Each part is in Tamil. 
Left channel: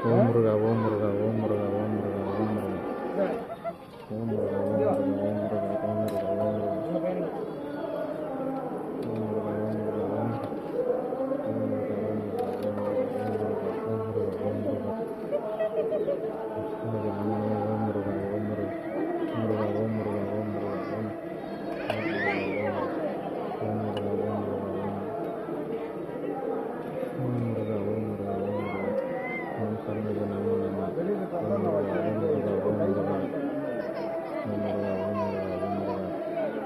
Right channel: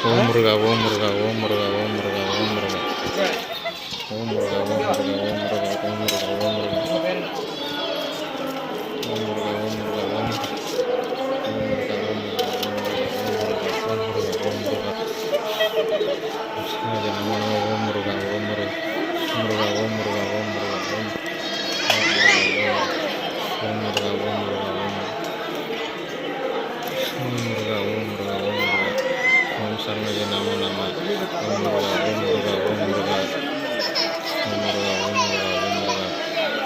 ஓம் முருகா ஓம் முருகா ஓம் முருகா ஓம் முருகா ஓம் முருகா ஓம் முருகா ஓம் முருகா ஓம் முருகா ஓம் முருகா ஓம் சரணஜ நமோ நம ஓம் முருகா ஓம் முருகா ஓம் முருகா ஓம் முருகா ஓம் முருகா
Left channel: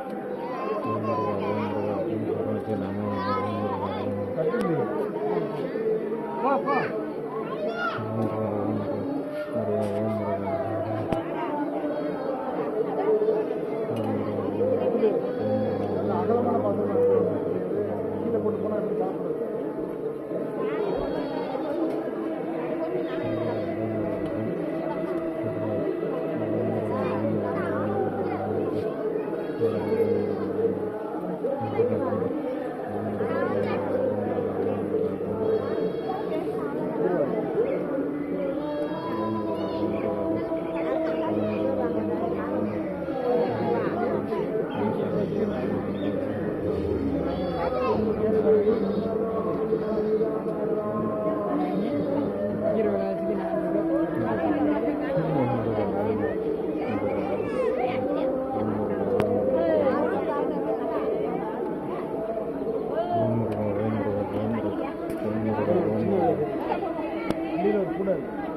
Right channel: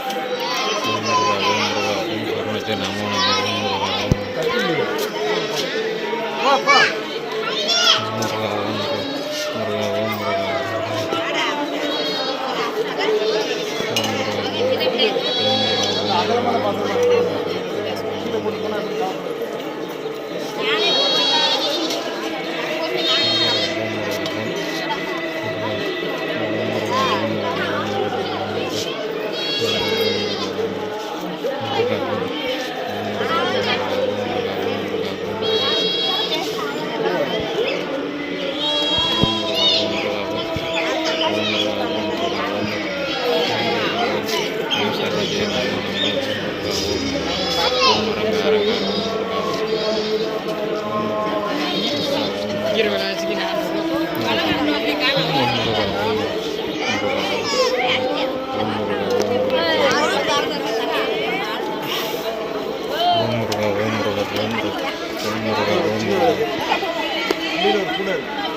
ஓம் முருகா ஓம் முருகா ஓம் முருகா ஓம் சரணஜ நமோ நம ஓம் முருகா ஓம் முருகா ஓம் முருகா ஓம் முருகா ஓம் முருகா